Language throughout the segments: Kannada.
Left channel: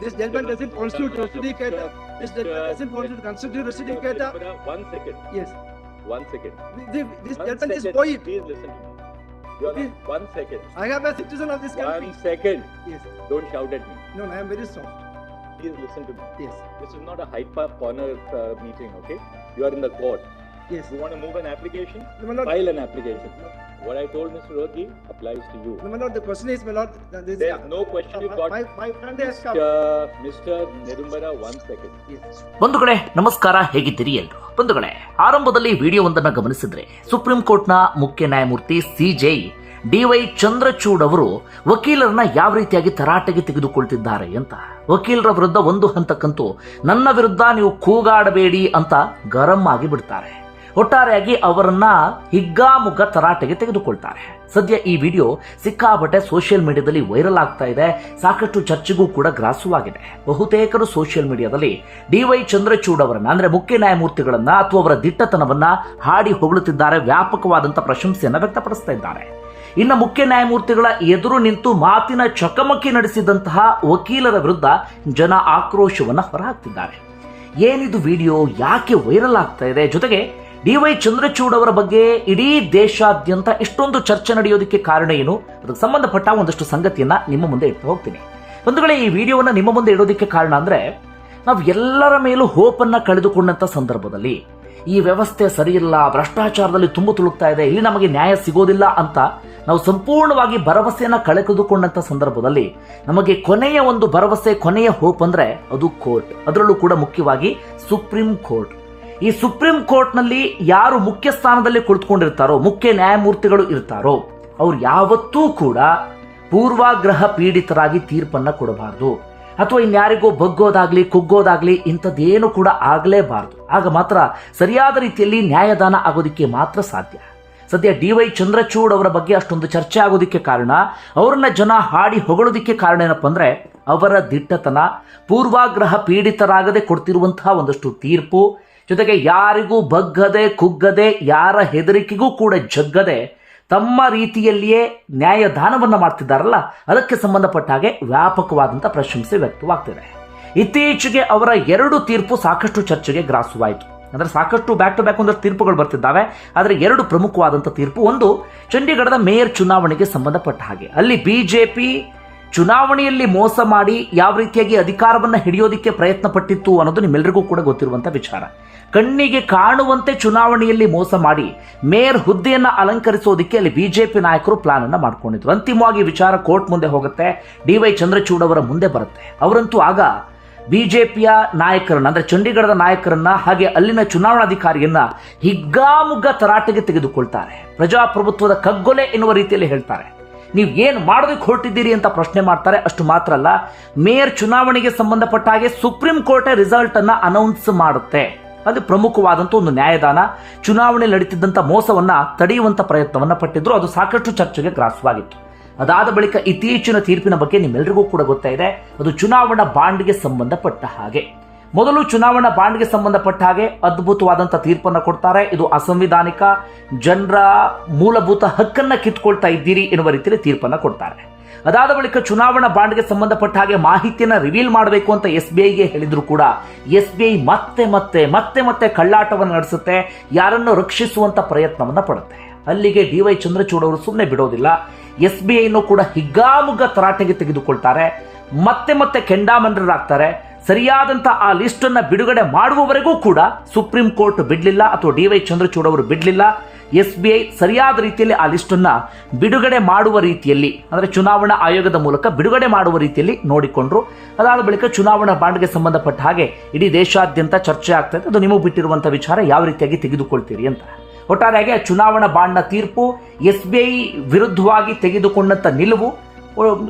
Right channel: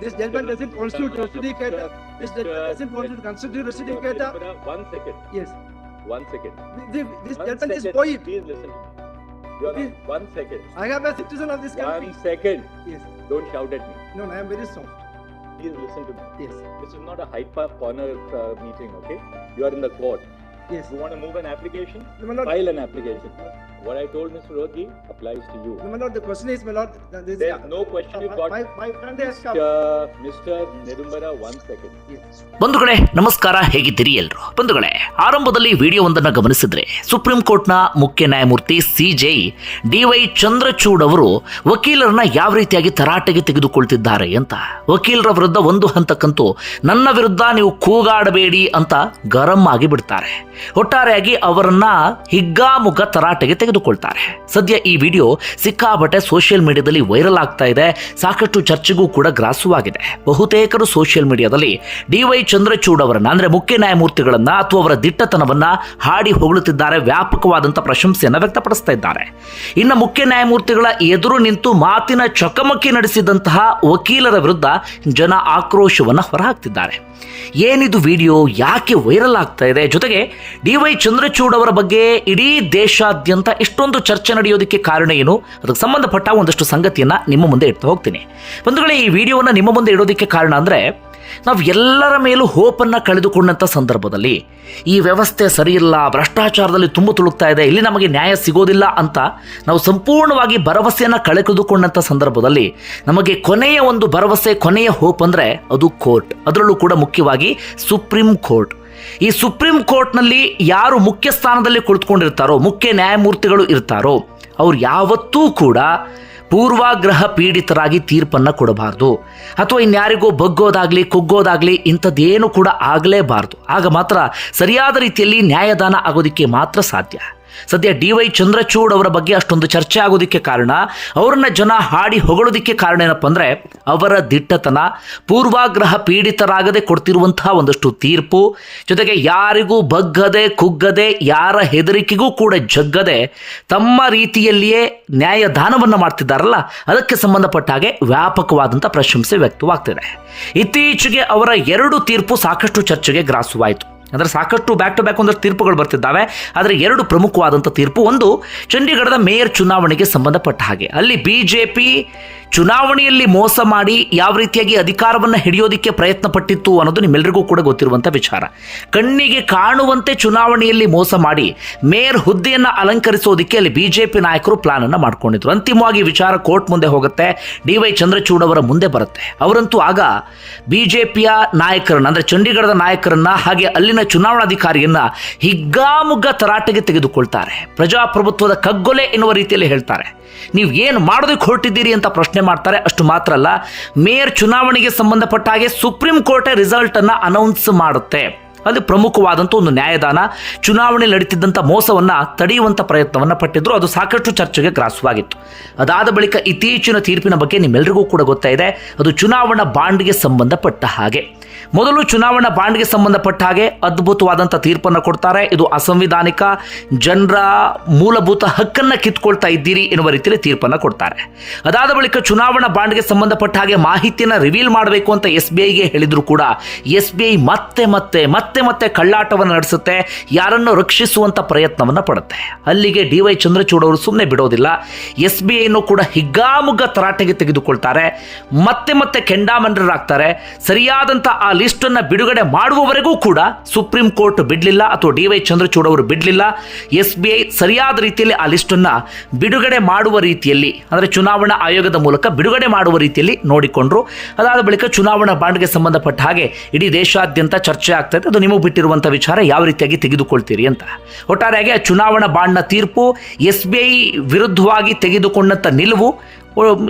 This gentleman doesn't constitute Rasidicator. This gentleman doesn't constitute constitute Rasidicator. One second, Yes. one second. This, this One gentleman is second. poet. Please listen to me. One second. I am a citizen of this country. One second. Yes. Don't shout at me. No, no, I am very soft. Please listen to me. Yes. This is not a hyper corner uh, meeting, okay? You are in the court. Yes. You want to move an application? No. File an application. What I told Mr. Rodgi applies to you. No, my lord, the question is, my lord, this There's no question you got. my, my friend has come. Mr. Nedumbara, one second. Yes. ಬಂಧುಗಳೇ ನಮಸ್ಕಾರ ಹೇಗಿದ್ದೀರಿ ಎಲ್ರು ಬಂಧುಗಳೇ ಆರಂಭದಲ್ಲಿ ವಿಡಿಯೋವೊಂದನ್ನು ಗಮನಿಸಿದ್ರೆ ಸುಪ್ರೀಂ ಕೋರ್ಟ್ನ ಮುಖ್ಯ ನ್ಯಾಯಮೂರ್ತಿ ಸಿ ಜೈ ಡಿವೈ ಚಂದ್ರಚೂಡ್ ಅವರು ವಕೀಲರನ್ನ ಯಾವ ರೀತಿಯಾಗಿ ತರಾಟೆಗೆ ತೆಗೆದುಕೊಳ್ತಿದ್ದಾರೆ ಅಂತ ವಕೀಲರ ವಿರುದ್ಧ ಒಂದು ಹಂತಕ್ಕಂತೂ ನನ್ನ ವಿರುದ್ಧ ನೀವು ಕೂಗಾಡಬೇಡಿ ಅಂತ ಗರಂ ಆಗಿ ಬಿಡ್ತಾರೆ ಒಟ್ಟಾರೆಯಾಗಿ ಅವರನ್ನ ಹಿಗ್ಗಾಮುಗ್ಗ ತರಾಟೆಗೆ ತೆಗೆದುಕೊಳ್ತಾರೆ. ಸದ್ಯ ಈ ವಿಡಿಯೋ ಸಿಕ್ಕಾಬಟ್ಟೆ ಸೋಷಿಯಲ್ ಮೀಡಿಯಾದಲ್ಲಿ ವೈರಲ್ ಆಗ್ತಾ ಇದೆ. ಸಾಕಷ್ಟು ಚರ್ಚೆಗೂ ಕೂಡ ಗ್ರಾಸವಾಗಿದೆ. ಬಹುತೇಕರು ಸೋಷಿಯಲ್ ಮೀಡಿಯಾದಲ್ಲಿ ಡಿ ವೈ ಚಂದ್ರಚೂಡ್ ಅವರನ್ನ, ಅಂದ್ರೆ ಮುಖ್ಯ ನ್ಯಾಯಮೂರ್ತಿಗಳನ್ನ ಅಥವಾ ಅವರ ದಿಟ್ಟತನವನ್ನ ಹಾಡಿ ಹೊಗಳುತ್ತಿದ್ದಾರೆ. ವ್ಯಾಪಕವಾದಂತಹ ಪ್ರಶಂಸೆಯನ್ನ ವ್ಯಕ್ತಪಡಿಸ್ತಾ ಇದ್ದಾರೆ. ಇನ್ನು ಮುಖ್ಯ ನ್ಯಾಯಮೂರ್ತಿಗಳ ಎದುರು ನಿಂತು ಮಾತಿನ ಚಕಮಕಿ ನಡೆಸಿದಂತಹ ವಕೀಲರ ವಿರುದ್ಧ ಜನ ಆಕ್ರೋಶವನ್ನ ಹೊರಹಾಕ್ತಿದ್ದಾರೆ. ಏನಿದು ವಿಡಿಯೋ, ಯಾಕೆ ವೈರಲ್ ಆಗ್ತಾ ಇದೆ? ಜೊತೆಗೆ ಡಿ ವೈ ಚಂದ್ರಚೂಡ್ ಅವರ ಬಗ್ಗೆ ಇಡೀ ದೇಶಾದ್ಯಂತ ಇಷ್ಟೊಂದು ಚರ್ಚೆ ನಡೆಯೋದಕ್ಕೆ ಕಾರಣ ಏನು? ಅದಕ್ಕೆ ಸಂಬಂಧಪಟ್ಟ ಒಂದಷ್ಟು ಸಂಗತಿಯನ್ನ ನಿಮ್ಮ ಮುಂದೆ ಇಡ್ತಾ ಹೋಗ್ತೀನಿ. ಬಂಧುಗಳೇ, ಈ ವಿಡಿಯೋವನ್ನು ನಿಮ್ಮ ಮುಂದೆ ಇಡೋದಕ್ಕೆ ಕಾರಣ ಅಂದ್ರೆ ನಾವು ಎಲ್ಲರ ಮೇಲೂ ಹೋಪನ್ನು ಕಳೆದುಕೊಂಡಂಥ ಸಂದರ್ಭದಲ್ಲಿ ಈ ವ್ಯವಸ್ಥೆ ಸರಿಯಿಲ್ಲ, ಭ್ರಷ್ಟಾಚಾರದಲ್ಲಿ ತುಂಬ ತುಳುಕ್ತಾ ಇದೆ, ಇಲ್ಲಿ ನಮಗೆ ನ್ಯಾಯ ಸಿಗೋದಿಲ್ಲ ಅಂತ ನಾವು ಸಂಪೂರ್ಣವಾಗಿ ಭರವಸೆಯನ್ನು ಕಳೆದುಕೊಂಡಂಥ ಸಂದರ್ಭದಲ್ಲಿ ನಮಗೆ ಕೊನೆಯ ಒಂದು ಭರವಸೆ, ಕೊನೆಯ ಹೋಪ್ ಅಂದರೆ ಅದು ಕೋರ್ಟ್. ಅದರಲ್ಲೂ ಕೂಡ ಮುಖ್ಯವಾಗಿ ಸುಪ್ರೀಂ ಕೋರ್ಟ್. ಈ ಸುಪ್ರೀಂ ಕೋರ್ಟ್ನಲ್ಲಿ ಯಾರು ಮುಖ್ಯ ಸ್ಥಾನದಲ್ಲಿ ಕುಳಿತುಕೊಂಡಿರ್ತಾರೋ, ಮುಖ್ಯ ನ್ಯಾಯಮೂರ್ತಿಗಳು ಇರ್ತಾರೋ, ಅವ್ರು ಯಾವತ್ತೂ ಕೂಡ ಪೂರ್ವಾಗ್ರಹ ಪೀಡಿತರಾಗಿ ತೀರ್ಪನ್ನು ಕೊಡಬಾರ್ದು. ಅಥವಾ ಇನ್ಯಾರಿಗೋ ಬಗ್ಗೋದಾಗಲಿ, ಕುಗ್ಗೋದಾಗಲಿ ಇಂಥದ್ದೇನು ಕೂಡ ಆಗಲೇಬಾರ್ದು. ಆಗ ಮಾತ್ರ ಸರಿಯಾದ ರೀತಿಯಲ್ಲಿ ನ್ಯಾಯದಾನ ಆಗೋದಕ್ಕೆ ಮಾತ್ರ ಸಾಧ್ಯ. ಸದ್ಯ ಡಿ ವೈ ಚಂದ್ರಚೂಡ್ ಅವರ ಬಗ್ಗೆ ಅಷ್ಟೊಂದು ಚರ್ಚೆ ಆಗೋದಕ್ಕೆ ಕಾರಣ ಅವ್ರನ್ನ ಜನ ಹಾಡಿ ಹೊಗಳೋದಕ್ಕೆ ಕಾರಣ ಏನಪ್ಪ ಅಂದರೆ ಅವರ ದಿಟ್ಟತನ ಪೂರ್ವಾಗ್ರಹ ಪೀಡಿತರಾಗದೆ ಕೊಡ್ತಿರುವಂತಹ ಒಂದಷ್ಟು ತೀರ್ಪು. ಜೊತೆಗೆ ಯಾರಿಗೂ ಬಗ್ಗದೆ, ಕುಗ್ಗದೆ, ಯಾರ ಹೆದರಿಕೆಗೂ ಕೂಡ ಜಗ್ಗದೆ ತಮ್ಮ ರೀತಿಯಲ್ಲಿಯೇ ನ್ಯಾಯದಾನವನ್ನು ಮಾಡ್ತಿದ್ದಾರಲ್ಲ, ಅದಕ್ಕೆ ಸಂಬಂಧಪಟ್ಟ ಹಾಗೆ ವ್ಯಾಪಕವಾದಂಥ ಪ್ರಶಂಸೆ ವ್ಯಕ್ತವಾಗ್ತಿದೆ. ಇತ್ತೀಚೆಗೆ ಅವರ ಎರಡು ತೀರ್ಪು ಸಾಕಷ್ಟು ಚರ್ಚೆಗೆ ಗ್ರಾಸವಾಯಿತು. ಅಂದರೆ ಸಾಕಷ್ಟು ಬ್ಯಾಕ್ ಟು ಬ್ಯಾಕ್ ಒಂದಷ್ಟು ತೀರ್ಪುಗಳು ಬರ್ತಿದ್ದಾವೆ. ಆದರೆ ಎರಡು ಪ್ರಮುಖವಾದಂಥ ತೀರ್ಪು, ಒಂದು ಚಂಡೀಗಢದ ಮೇಯರ್ ಚುನಾವಣೆಗೆ ಸಂಬಂಧಪಟ್ಟ ಹಾಗೆ. ಅಲ್ಲಿ ಬಿ ಚುನಾವಣೆಯಲ್ಲಿ ಮೋಸ ಮಾಡಿ ಯಾವ ರೀತಿಯಾಗಿ ಅಧಿಕಾರವನ್ನು ಹಿಡಿಯೋದಕ್ಕೆ ಪ್ರಯತ್ನ ಪಟ್ಟಿತ್ತು ಅನ್ನೋದು ನಿಮ್ಮೆಲ್ಲರಿಗೂ ಕೂಡ ಗೊತ್ತಿರುವಂಥ ವಿಚಾರ. ಕಣ್ಣಿಗೆ ಕಾಣುವಂತೆ ಚುನಾವಣೆಯಲ್ಲಿ ಮೋಸ ಮಾಡಿ ಮೇಯರ್ ಹುದ್ದೆಯನ್ನು ಅಲಂಕರಿಸೋದಕ್ಕೆ ಅಲ್ಲಿ ಬಿಜೆಪಿ ನಾಯಕರು ಪ್ಲಾನ್ ಅನ್ನು ಮಾಡ್ಕೊಂಡಿದ್ರು. ಅಂತಿಮವಾಗಿ ವಿಚಾರ ಕೋರ್ಟ್ ಮುಂದೆ ಹೋಗುತ್ತೆ, ಡಿ ವೈ ಚಂದ್ರಚೂಡ್ ಅವರ ಮುಂದೆ ಬರುತ್ತೆ. ಅವರಂತೂ ಆಗ ಬಿಜೆಪಿಯ ನಾಯಕರನ್ನು, ಅಂದರೆ ಚಂಡೀಗಢದ ನಾಯಕರನ್ನು, ಹಾಗೆ ಅಲ್ಲಿನ ಚುನಾವಣಾಧಿಕಾರಿಯನ್ನು ಹಿಗ್ಗಾಮುಗ್ಗ ತರಾಟೆಗೆ ತೆಗೆದುಕೊಳ್ತಾರೆ. ಪ್ರಜಾಪ್ರಭುತ್ವದ ಕಗ್ಗೊಲೆ ಎನ್ನುವ ರೀತಿಯಲ್ಲಿ ಹೇಳ್ತಾರೆ. ನೀವು ಏನು ಮಾಡೋದಕ್ಕೆ ಹೊರಟಿದ್ದೀರಿ ಅಂತ ಪ್ರಶ್ನೆ ಮಾಡ್ತಾರೆ. ಅಷ್ಟು ಮಾತ್ರ ಅಲ್ಲ, ಮೇಯರ್ ಚುನಾವಣೆಗೆ ಸಂಬಂಧಪಟ್ಟ ಹಾಗೆ ಸುಪ್ರೀಂ ಕೋರ್ಟೇ ರಿಸಲ್ಟನ್ನು ಅನೌನ್ಸ್ ಮಾಡುತ್ತೆ. ಅಲ್ಲಿ ಪ್ರಮುಖವಾದಂಥ ಒಂದು ನ್ಯಾಯದಾನ. ಚುನಾವಣೆ ನಡೀತಿದ್ದಂಥ ಮೋಸವನ್ನು ತಡೆಯುವಂಥ ಪ್ರಯತ್ನವನ್ನು ಪಟ್ಟಿದ್ರು. ಅದು ಸಾಕಷ್ಟು ಚರ್ಚೆಗೆ ಗ್ರಾಸವಾಗಿತ್ತು. ಅದಾದ ಬಳಿಕ ಇತ್ತೀಚಿನ ತೀರ್ಪಿನ ಬಗ್ಗೆ ನಿಮ್ಮೆಲ್ಲರಿಗೂ ಕೂಡ ಗೊತ್ತಾಯಿದೆ ಅದು ಚುನಾವಣಾ ಬಾಂಡ್ಗೆ ಸಂಬಂಧಪಟ್ಟ ಹಾಗೆ. ಮೊದಲು ಚುನಾವಣಾ ಬಾಂಡ್ಗೆ ಸಂಬಂಧಪಟ್ಟ ಹಾಗೆ ಅದ್ಭುತವಾದಂಥ ತೀರ್ಪನ್ನು ಕೊಡ್ತಾರೆ. ಇದು ಅಸಂವಿಧಾನಿಕ, ಜನರ ಮೂಲಭೂತ ಹಕ್ಕನ್ನು ಕಿತ್ಕೊಳ್ತಾ ಇದ್ದೀರಿ ಎನ್ನುವ ರೀತಿಯಲ್ಲಿ ತೀರ್ಪನ್ನು ಕೊಡ್ತಾರೆ. ಅದಾದ ಬಳಿಕ ಚುನಾವಣಾ ಬಾಂಡ್ಗೆ ಸಂಬಂಧಪಟ್ಟ ಹಾಗೆ ಮಾಹಿತಿಯನ್ನು ರಿವೀಲ್ ಮಾಡಬೇಕು ಅಂತ ಎಸ್ ಬಿ ಐಗೆ ಹೇಳಿದ್ರು ಕೂಡ ಎಸ್ ಬಿ ಐ ಮತ್ತೆ ಮತ್ತೆ ಮತ್ತೆ ಮತ್ತೆ ಕಳ್ಳಾಟವನ್ನು ನಡೆಸುತ್ತೆ. ಯಾರನ್ನು ರಕ್ಷಿಸುವಂಥ ಪ್ರಯತ್ನವನ್ನು ಪಡುತ್ತೆ. ಅಲ್ಲಿಗೆ ಡಿ ವೈ ಚಂದ್ರಚೂಡ್ ಅವರು ಸುಮ್ಮನೆ ಬಿಡೋದಿಲ್ಲ. ಎಸ್ ಬಿ ಐನೂ ಕೂಡ ಹಿಗ್ಗಾಮುಗ್ಗ ತರಾಟೆಗೆ ತೆಗೆದುಕೊಳ್ತಾರೆ. ಮತ್ತೆ ಮತ್ತೆ ಕೆಂಡಾಮಂಡರಾಗ್ತಾರೆ. ಸರಿಯಾದಂಥ ಆ ಲಿಸ್ಟನ್ನು ಬಿಡುಗಡೆ ಮಾಡುವವರೆಗೂ ಕೂಡ ಸುಪ್ರೀಂ ಕೋರ್ಟ್ ಬಿಡಲಿಲ್ಲ ಅಥವಾ ಡಿ ವೈ ಚಂದ್ರಚೂಡ್ ಅವರು ಬಿಡಲಿಲ್ಲ. ಎಸ್ ಬಿ ಐ ಸರಿಯಾದ ರೀತಿಯಲ್ಲಿ ಆ ಲಿಸ್ಟನ್ನು ಬಿಡುಗಡೆ ಮಾಡುವ ರೀತಿಯಲ್ಲಿ, ಅಂದರೆ ಚುನಾವಣಾ ಆಯೋಗದ ಮೂಲಕ ಬಿಡುಗಡೆ ಮಾಡುವ ರೀತಿಯಲ್ಲಿ ನೋಡಿಕೊಂಡ್ರು. ಅದಾದ ಬಳಿಕ ಚುನಾವಣಾ ಬಾಂಡ್ಗೆ ಸಂಬಂಧಪಟ್ಟ ಹಾಗೆ ಇಡೀ ದೇಶಾದ್ಯಂತ ಚರ್ಚೆ ಆಗ್ತಾ ಇದೆ ಅದು ನಿಮಗೆ ಬಿಟ್ಟಿರುವಂಥ ವಿಚಾರ, ಯಾವ ರೀತಿಯಾಗಿ ತೆಗೆದುಕೊಳ್ತೀರಿ ಅಂತ. ಒಟ್ಟಾರೆಯಾಗಿ ಆ ಚುನಾವಣಾ ಬಾಂಡ್ನ ತೀರ್ಪು ಎಸ್ ಬಿ ಐ ವಿರುದ್ಧವಾಗಿ ತೆಗೆದುಕೊಂಡಂಥ ನಿಲುವು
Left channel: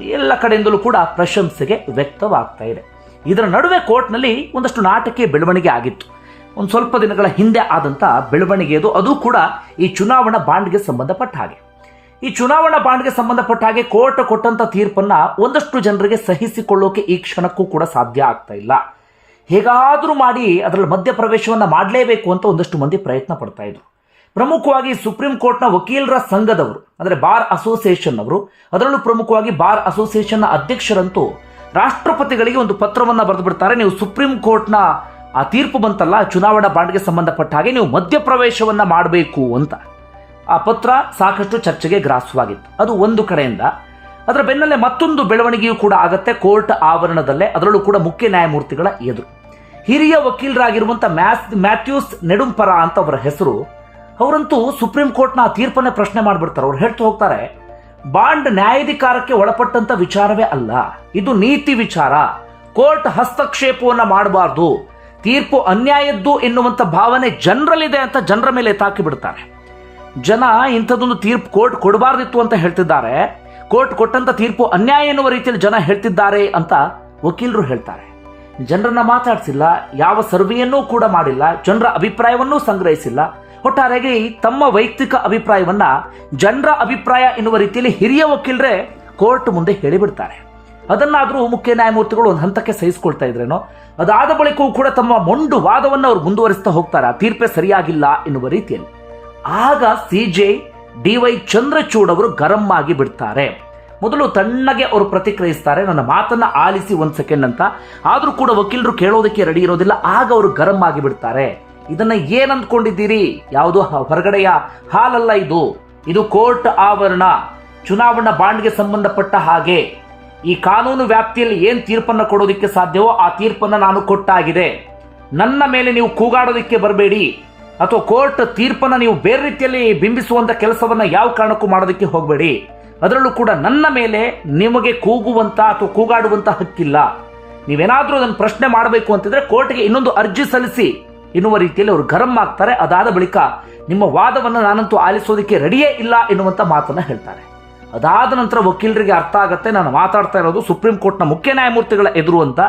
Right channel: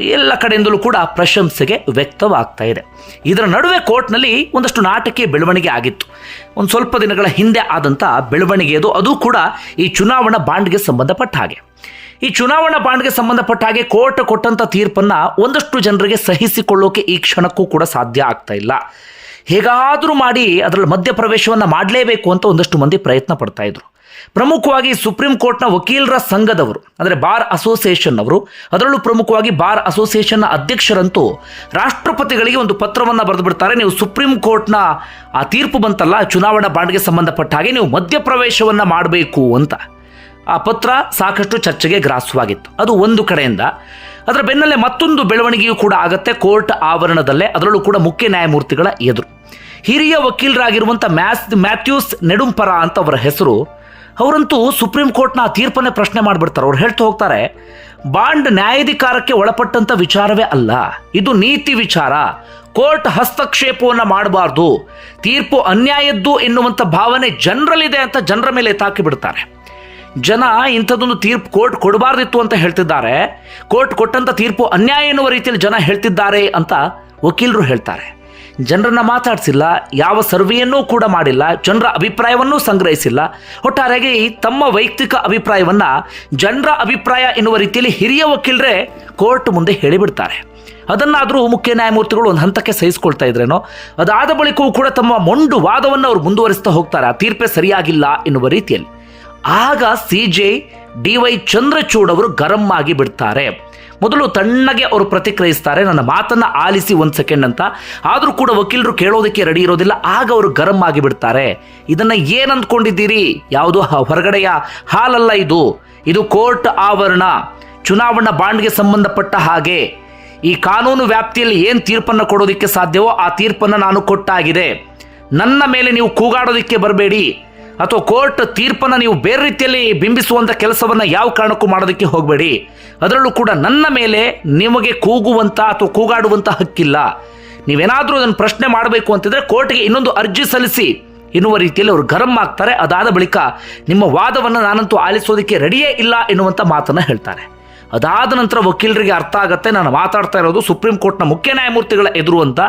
ಎಲ್ಲ ಕಡೆಯಿಂದಲೂ ಕೂಡ ಪ್ರಶಂಸೆಗೆ ವ್ಯಕ್ತವಾಗ್ತಾ ಇದೆ. ಇದರ ನಡುವೆ ಕೋರ್ಟ್ನಲ್ಲಿ ಒಂದಷ್ಟು ನಾಟಕೀಯ ಬೆಳವಣಿಗೆ ಆಗಿತ್ತು. ಒಂದು ಸ್ವಲ್ಪ ದಿನಗಳ ಹಿಂದೆ ಆದಂಥ ಬೆಳವಣಿಗೆ ಅದು ಅದು ಕೂಡ ಈ ಚುನಾವಣಾ ಬಾಂಡ್ಗೆ ಸಂಬಂಧಪಟ್ಟ ಹಾಗೆ. ಈ ಚುನಾವಣಾ ಬಾಂಡ್ಗೆ ಸಂಬಂಧಪಟ್ಟ ಹಾಗೆ ಕೋರ್ಟ್ ಕೊಟ್ಟಂಥ ತೀರ್ಪನ್ನು ಒಂದಷ್ಟು ಜನರಿಗೆ ಸಹಿಸಿಕೊಳ್ಳೋಕೆ ಈ ಕ್ಷಣಕ್ಕೂ ಕೂಡ ಸಾಧ್ಯ ಆಗ್ತಾ ಇಲ್ಲ. ಹೇಗಾದರೂ ಮಾಡಿ ಅದರಲ್ಲಿ ಮಧ್ಯಪ್ರವೇಶವನ್ನು ಮಾಡಲೇಬೇಕು ಅಂತ ಒಂದಷ್ಟು ಮಂದಿ ಪ್ರಯತ್ನ ಪಡ್ತಾ ಇದ್ರು. ಪ್ರಮುಖವಾಗಿ ಸುಪ್ರೀಂ ಕೋರ್ಟ್ನ ವಕೀಲರ ಸಂಘದವರು, ಅಂದರೆ ಬಾರ್ ಅಸೋಸಿಯೇಷನ್ ಅವರು ಅದರಲ್ಲೂ ಪ್ರಮುಖವಾಗಿ ಬಾರ್ ಅಸೋಸಿಯೇಷನ್ನ ಅಧ್ಯಕ್ಷರಂತೂ ರಾಷ್ಟ್ರಪತಿಗಳಿಗೆ ಒಂದು ಪತ್ರವನ್ನು ಬರೆದು ಬಿಡ್ತಾರೆ. ನೀವು ಸುಪ್ರೀಂ ಕೋರ್ಟ್ನ ಆ ತೀರ್ಪು ಬಂತಲ್ಲ, ಚುನಾವಣಾ ಬಾಂಡ್ಗೆ ಸಂಬಂಧಪಟ್ಟ ಹಾಗೆ ನೀವು ಮಧ್ಯಪ್ರವೇಶವನ್ನು ಮಾಡಬೇಕು ಅಂತ. ಆ ಪತ್ರ ಸಾಕಷ್ಟು ಚರ್ಚೆಗೆ ಗ್ರಾಸವಾಗಿತ್ತು ಅದು ಒಂದು ಕಡೆಯಿಂದ, ಅದರ ಬೆನ್ನಲ್ಲೇ ಮತ್ತೊಂದು ಬೆಳವಣಿಗೆಯೂ ಕೂಡ ಆಗುತ್ತೆ ಕೋರ್ಟ್ ಆವರಣದಲ್ಲೇ, ಅದರಲ್ಲೂ ಕೂಡ ಮುಖ್ಯ ನ್ಯಾಯಮೂರ್ತಿಗಳ ಎದುರು. ಹಿರಿಯ ವಕೀಲರಾಗಿರುವಂಥ ಮ್ಯಾಸ್, ಮ್ಯಾಥ್ಯೂಸ್ ನೆಡುಂಪರ ಅಂತ ಅವರ ಹೆಸರು ಅವರಂತೂ ಸುಪ್ರೀಂ ಕೋರ್ಟ್ನ ಆ ತೀರ್ಪನ್ನೇ ಪ್ರಶ್ನೆ ಮಾಡಿಬಿಡ್ತಾರೆ. ಅವ್ರು ಹೇಳ್ತಾ ಹೋಗ್ತಾರೆ, ಬಾಂಡ್ ನ್ಯಾಯಾಧಿಕಾರಕ್ಕೆ ಒಳಪಟ್ಟಂಥ ವಿಚಾರವೇ ಅಲ್ಲ. ಇದು ನೀತಿ ವಿಚಾರ. ಕೋರ್ಟ್ ಹಸ್ತಕ್ಷೇಪವನ್ನು ಮಾಡಬಾರ್ದು. ತೀರ್ಪು ಅನ್ಯಾಯದ್ದು ಎನ್ನುವಂಥ ಭಾವನೆ ಜನರಲ್ಲಿದೆ ಅಂತ ಜನರ ಮೇಲೆ ತಾಕಿಬಿಡ್ತಾರೆ ಜನ ಇಂಥದ್ದೊಂದು ತೀರ್ಪು ಕೋರ್ಟ್ ಕೊಡಬಾರ್ದಿತ್ತು ಅಂತ ಹೇಳ್ತಿದ್ದಾರೆ. ಕೋರ್ಟ್ ಕೊಟ್ಟಂಥ ತೀರ್ಪು ಅನ್ಯಾಯ ಎನ್ನುವ ರೀತಿಯಲ್ಲಿ ಜನ ಹೇಳ್ತಿದ್ದಾರೆ ಅಂತ ವಕೀಲರು ಹೇಳ್ತಾರೆ. ಜನರನ್ನ ಮಾತಾಡಿಸಿಲ್ಲ, ಯಾವ ಸರ್ವೆಯನ್ನೂ ಕೂಡ ಮಾಡಿಲ್ಲ, ಜನರ ಅಭಿಪ್ರಾಯವನ್ನೂ ಸಂಗ್ರಹಿಸಿಲ್ಲ. ಒಟ್ಟಾರೆಯಾಗಿ ತಮ್ಮ ವೈಯಕ್ತಿಕ ಅಭಿಪ್ರಾಯವನ್ನು ಜನರ ಅಭಿಪ್ರಾಯ ಎನ್ನುವ ರೀತಿಯಲ್ಲಿ ಹಿರಿಯ ವಕೀಲರೇ ಕೋರ್ಟ್ ಮುಂದೆ ಹೇಳಿಬಿಡ್ತಾರೆ. ಅದನ್ನಾದರೂ ಮುಖ್ಯ ನ್ಯಾಯಮೂರ್ತಿಗಳು ಒಂದು ಹಂತಕ್ಕೆ ಸಹಿಸ್ಕೊಳ್ತಾ ಇದ್ರೇನೋ, ಅದಾದ ಬಳಿಕವೂ ಕೂಡ ತಮ್ಮ ಮೊಂಡು ವಾದವನ್ನು ಅವರು ಮುಂದುವರಿಸ್ತಾ ಹೋಗ್ತಾರೆ, ಆ ತೀರ್ಪೆ ಸರಿಯಾಗಿಲ್ಲ ಎನ್ನುವ ರೀತಿಯಲ್ಲಿ. ಆಗ C J D Y Chandrachud ಅವರು ಗರಂ ಆಗಿ ಬಿಡ್ತಾರೆ. ಮೊದಲು ತಣ್ಣಗೆ ಅವರು ಪ್ರತಿಕ್ರಿಯಿಸ್ತಾರೆ, ನನ್ನ ಮಾತನ್ನು ಆಲಿಸಿ ಒಂದು ಸೆಕೆಂಡ್ ಅಂತ. ಆದರೂ ಕೂಡ ವಕೀಲರು ಕೇಳೋದಕ್ಕೆ ರೆಡಿ ಇರೋದಿಲ್ಲ, ಆಗ ಅವರು ಗರಂ ಆಗಿಬಿಡ್ತಾರೆ. ಇದನ್ನು ಯಾವುದು ಅಂದ್ಕೊಂಡಿದ್ದೀರಿ ಯಾವುದೋ ಹೊರಗಡೆಯ ಹಾಲಲ್ಲ ಇದು. ಇದು ಕೋರ್ಟ್ ಆವರಣ. ಚುನಾವಣಾ ಬಾಂಡ್ಗೆ ಸಂಬಂಧಪಟ್ಟ ಹಾಗೆ. ಈ ಕಾನೂನು ವ್ಯಾಪ್ತಿಯಲ್ಲಿ ಏನು ತೀರ್ಪನ್ನು ಕೊಡೋದಕ್ಕೆ ಸಾಧ್ಯವೋ ಆ ತೀರ್ಪನ್ನು ನಾನು ಕೊಟ್ಟಾಗಿದೆ. ನನ್ನ ಮೇಲೆ ನೀವು ಕೂಗಾಡೋದಕ್ಕೆ ಬರಬೇಡಿ. ಅಥವಾ ಕೋರ್ಟ್ ತೀರ್ಪನ್ನು ನೀವು ಬೇರೆ ರೀತಿಯಲ್ಲಿ ಬಿಂಬಿಸುವಂಥ ಕೆಲಸವನ್ನು ಯಾವ ಕಾರಣಕ್ಕೂ ಮಾಡೋದಕ್ಕೆ ಹೋಗಬೇಡಿ. ಅದರಲ್ಲೂ ಕೂಡ ನನ್ನ ಮೇಲೆ ನಿಮಗೆ ಕೂಗುವಂಥ ಅಥವಾ ಕೂಗಾಡುವಂಥ ಹಕ್ಕಿಲ್ಲ. ನೀವೇನಾದರೂ ಅದನ್ನು ಪ್ರಶ್ನೆ ಮಾಡಬೇಕು ಅಂತಿದ್ರೆ ಕೋರ್ಟ್ಗೆ ಇನ್ನೊಂದು ಅರ್ಜಿ ಸಲ್ಲಿಸಿ. ಎನ್ನುವ ರೀತಿಯಲ್ಲಿ ಅವರು ಗರಂ ಆಗ್ತಾರೆ. ಅದಾದ ಬಳಿಕ ನಿಮ್ಮ ವಾದವನ್ನು ನಾನಂತೂ ಆಲಿಸೋದಕ್ಕೆ ರೆಡಿಯೇ ಇಲ್ಲ ಎನ್ನುವಂಥ ಮಾತನ್ನು ಹೇಳ್ತಾರೆ. ಅದಾದ ನಂತರ ವಕೀಲರಿಗೆ ಅರ್ಥ ಆಗುತ್ತೆ. ನಾನು ಮಾತಾಡ್ತಾ ಇರೋದು ಸುಪ್ರೀಂ ಕೋರ್ಟ್ನ ಮುಖ್ಯ ನ್ಯಾಯಮೂರ್ತಿಗಳ ಎದುರು ಅಂತ.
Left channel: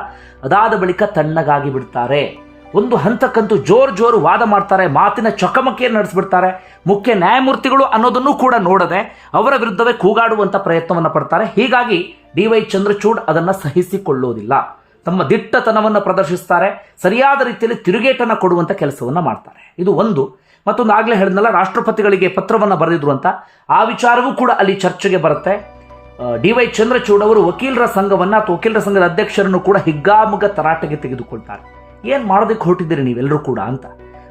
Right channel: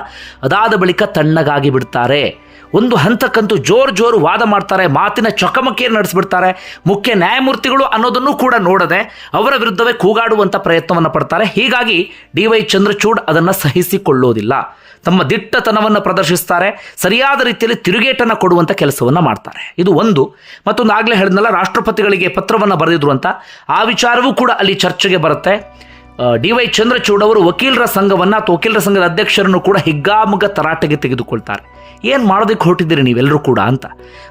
ಅದಾದ ಬಳಿಕ ತಣ್ಣಗಾಗಿ ಬಿಡ್ತಾರೆ. ಒಂದು ಹಂತಕ್ಕಂತೂ ಜೋರು ಜೋರು ವಾದ ಮಾಡ್ತಾರೆ, ಮಾತಿನ ಚಕಮಕಿಯನ್ನು ನಡೆಸಿಬಿಡ್ತಾರೆ. ಮುಖ್ಯ ನ್ಯಾಯಮೂರ್ತಿಗಳು ಅನ್ನೋದನ್ನು ಕೂಡ ನೋಡದೆ ಅವರ ವಿರುದ್ಧವೇ ಕೂಗಾಡುವಂಥ ಪ್ರಯತ್ನವನ್ನು ಪಡ್ತಾರೆ. ಹೀಗಾಗಿ ಡಿ ವೈ ಚಂದ್ರಚೂಡ್ ಅದನ್ನು ಸಹಿಸಿಕೊಳ್ಳೋದಿಲ್ಲ. ತಮ್ಮ ದಿಟ್ಟತನವನ್ನು ಪ್ರದರ್ಶಿಸ್ತಾರೆ, ಸರಿಯಾದ ರೀತಿಯಲ್ಲಿ ತಿರುಗೇಟನ್ನು ಕೊಡುವಂಥ ಕೆಲಸವನ್ನು ಮಾಡ್ತಾರೆ. ಇದು ಒಂದು. ಮತ್ತೊಂದು ಆಗಲೇ ಹೇಳಿದ್ನಲ್ಲ, ರಾಷ್ಟ್ರಪತಿಗಳಿಗೆ ಪತ್ರವನ್ನು ಬರೆದಿದ್ರು ಅಂತ ಆ ವಿಚಾರವೂ ಕೂಡ ಅಲ್ಲಿ ಚರ್ಚೆಗೆ ಬರುತ್ತೆ. ಡಿ ವೈ ಚಂದ್ರಚೂಡ್ ಅವರು ವಕೀಲರ ಸಂಘವನ್ನು ಅಥವಾ ವಕೀಲರ ಸಂಘದ ಅಧ್ಯಕ್ಷರನ್ನು ಕೂಡ ಹಿಗ್ಗಾಮುಗ ತರಾಟೆಗೆ ತೆಗೆದುಕೊಳ್ತಾರೆ. ಏನು ಮಾಡೋದಕ್ಕೆ ಹೊರಟಿದ್ದೀರಿ ನೀವೆಲ್ಲರೂ ಕೂಡ ಅಂತ.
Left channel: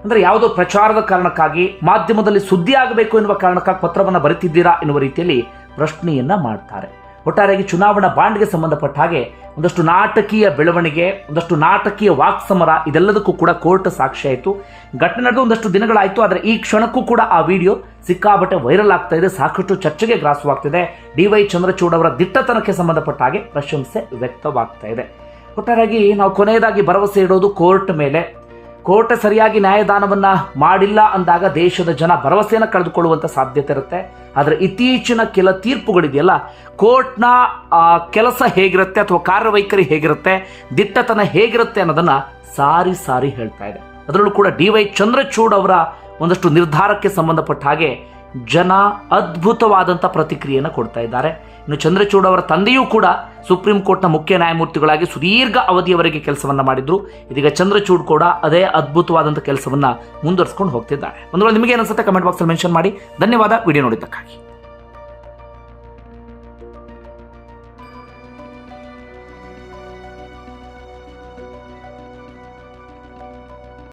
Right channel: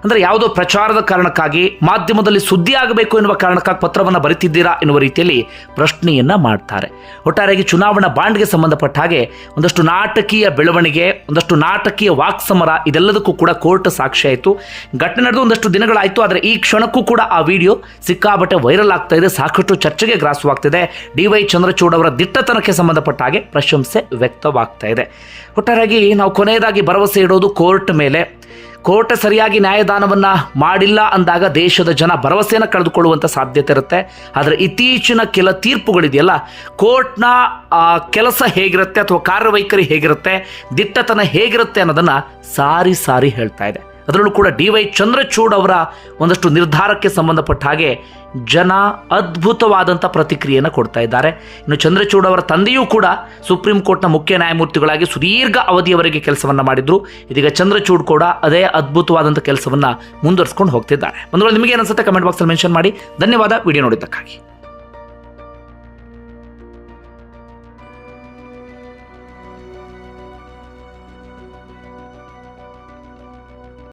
ಅಂದರೆ ಯಾವುದೋ ಪ್ರಚಾರದ ಕಾರಣಕ್ಕಾಗಿ ಮಾಧ್ಯಮದಲ್ಲಿ ಸುದ್ದಿ ಆಗಬೇಕು ಎನ್ನುವ ಕಾರಣಕ್ಕಾಗಿ ಪತ್ರವನ್ನು ಬರೀತಿದ್ದೀರಾ ಎನ್ನುವ ರೀತಿಯಲ್ಲಿ ಪ್ರಶ್ನೆಯನ್ನು ಮಾಡ್ತಾರೆ. ಒಟ್ಟಾರೆಯಾಗಿ ಚುನಾವಣಾ ಬಾಂಡ್ಗೆ ಸಂಬಂಧಪಟ್ಟ ಹಾಗೆ ಒಂದಷ್ಟು ನಾಟಕೀಯ ಬೆಳವಣಿಗೆ, ಒಂದಷ್ಟು ನಾಟಕೀಯ ವಾಕ್ಸಮರ ಇದೆಲ್ಲದಕ್ಕೂ ಕೂಡ ಕೋರ್ಟ್ ಸಾಕ್ಷಿ ಆಯಿತು. ಘಟನೆ ನಡೆದು ಒಂದಷ್ಟು ದಿನಗಳಾಯಿತು, ಆದರೆ ಈ ಕ್ಷಣಕ್ಕೂ ಕೂಡ ಆ ವಿಡಿಯೋ ಸಿಕ್ಕಾಬಟ್ಟೆ ವೈರಲ್ ಆಗ್ತಾ ಇದೆ, ಸಾಕಷ್ಟು ಚರ್ಚೆಗೆ ಗ್ರಾಸವಾಗ್ತಿದೆ. ಡಿ ವೈ ಚಂದ್ರಚೂಡ್ ಅವರ ದಿಟ್ಟತನಕ್ಕೆ ಸಂಬಂಧಪಟ್ಟ ಹಾಗೆ ಪ್ರಶಂಸೆ ವ್ಯಕ್ತವಾಗ್ತಾ ಇದೆ. ಒಟ್ಟಾರೆಯಾಗಿ ನಾವು ಕೊನೆಯದಾಗಿ ಭರವಸೆ ಇಡೋದು ಕೋರ್ಟ್ ಮೇಲೆ. ಕೋರ್ಟ್ ಸರಿಯಾಗಿ ನ್ಯಾಯದಾನವನ್ನು ಮಾಡಿಲ್ಲ ಅಂದಾಗ ದೇಶದ ಜನ ಭರವಸೆಯನ್ನು ಕಳೆದುಕೊಳ್ಳುವಂಥ ಸಾಧ್ಯತೆ ಇರುತ್ತೆ. ಆದರೆ ಇತ್ತೀಚಿನ ಕೆಲ ತೀರ್ಪುಗಳಿದೆಯಲ್ಲ, ಕೋರ್ಟ್ನ ಕೆಲಸ ಹೇಗಿರುತ್ತೆ ಅಥವಾ ಕಾರ್ಯವೈಖರಿ ಹೇಗಿರುತ್ತೆ, ದಿಟ್ಟತನ ಹೇಗಿರುತ್ತೆ ಅನ್ನೋದನ್ನು ಸಾರಿ ಸಾರಿ ಹೇಳ್ತಾ ಇದೆ. ಅದರಲ್ಲೂ ಕೂಡ ಡಿ ವೈ ಚಂದ್ರಚೂಡ್ ಅವರ ಒಂದಷ್ಟು ನಿರ್ಧಾರಕ್ಕೆ ಸಂಬಂಧಪಟ್ಟ ಹಾಗೆ ಜನ ಅದ್ಭುತವಾದಂಥ ಪ್ರತಿಕ್ರಿಯೆಯನ್ನು ಕೊಡ್ತಾ ಇದ್ದಾರೆ. ಇನ್ನು ಚಂದ್ರಚೂಡ್ ಅವರ ತಂದೆಯೂ ಕೂಡ ಸುಪ್ರೀಂ ಕೋರ್ಟ್ನ ಮುಖ್ಯ ನ್ಯಾಯಮೂರ್ತಿಗಳಾಗಿ ಸುದೀರ್ಘ ಅವಧಿಯವರೆಗೆ ಕೆಲಸವನ್ನು ಮಾಡಿದ್ರು. ಇದೀಗ ಚಂದ್ರಚೂಡ್ ಕೂಡ ಅದೇ ಅದ್ಭುತವಾದಂಥ ಕೆಲಸವನ್ನು ಮುಂದುವರಿಸ್ಕೊಂಡು ಹೋಗ್ತಿದ್ದಾರೆ. ಒಂದು ನಿಮಗೆ ಅನಿಸುತ್ತೆ? ಕಮೆಂಟ್ ಬಾಕ್ಸಲ್ಲಿ ಮೆನ್ಷನ್ ಮಾಡಿ. ಧನ್ಯವಾದ. ವಿಡಿಯೋ ನೋಡಿದ್ದಕ್ಕಾಗಿ.